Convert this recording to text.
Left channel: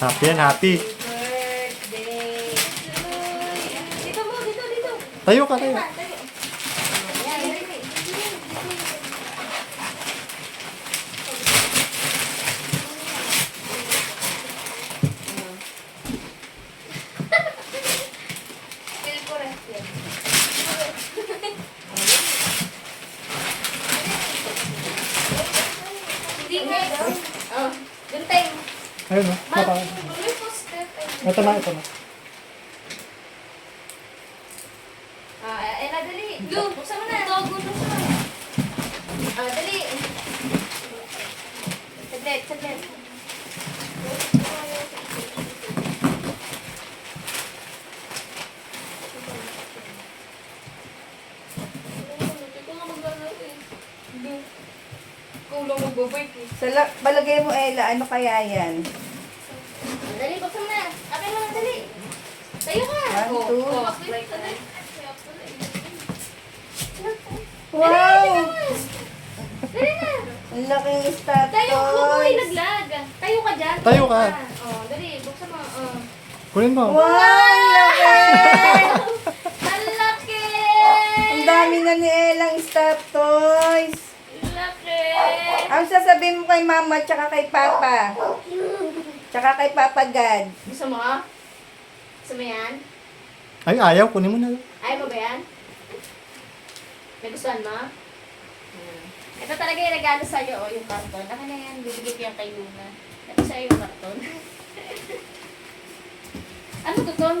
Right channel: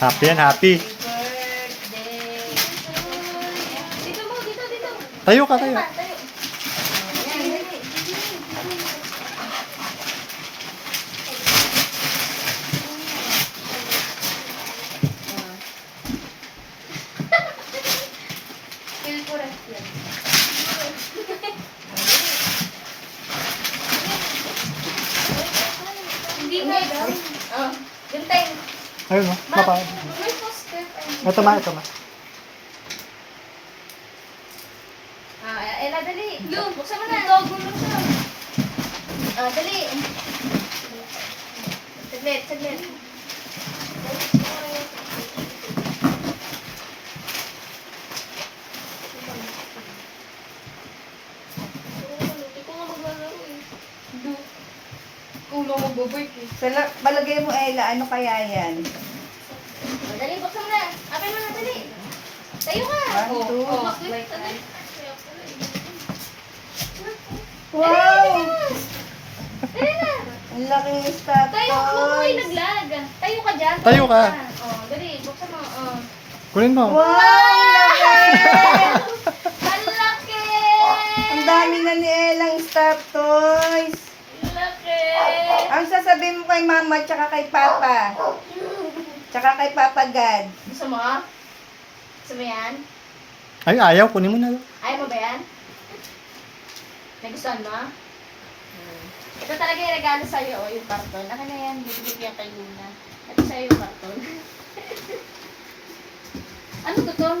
Happy yan, happy. Birthday. Dito mo, dito. Tayo ka, tayo. Ayan, dali. Feel ko rest yan. Hindi nga. Oh, ganteng. Ayun, no? Papa. May poster. Ito ma, ito ma. Ella, dali. Buksan mo na. Gulo siya. Dali. Saglit. Kulang magbabait eh. Balagay mo, Ella, ano kaya yan? Dali, buksan mo na. Akin mo na, dali. Tayo ka. One, two. Like that. Wow! Dali na. Ang laki ng strat Tayo, huwag naglag. Tayo ka dyan. Tayo ka. Dali, buksan mo. Kunin mo. Wow! Laki! Ang laki! Ang dami na ni Ella ang strat toys. Ang laki! Ang sasabihin mo kay Mama tsaka kay Papa? Tsaka kay Papa God. Gusto mo? Gusto mo yan? Ay, ayaw. Kunin mo na. Ayaw mo ba yan? Nagustuhan mo? Ito talaga yung regalo sa'yo, yung karton. Akin na yan, bibigay ko yan kay Luna. Ito sa'yo yung karton. Ano to?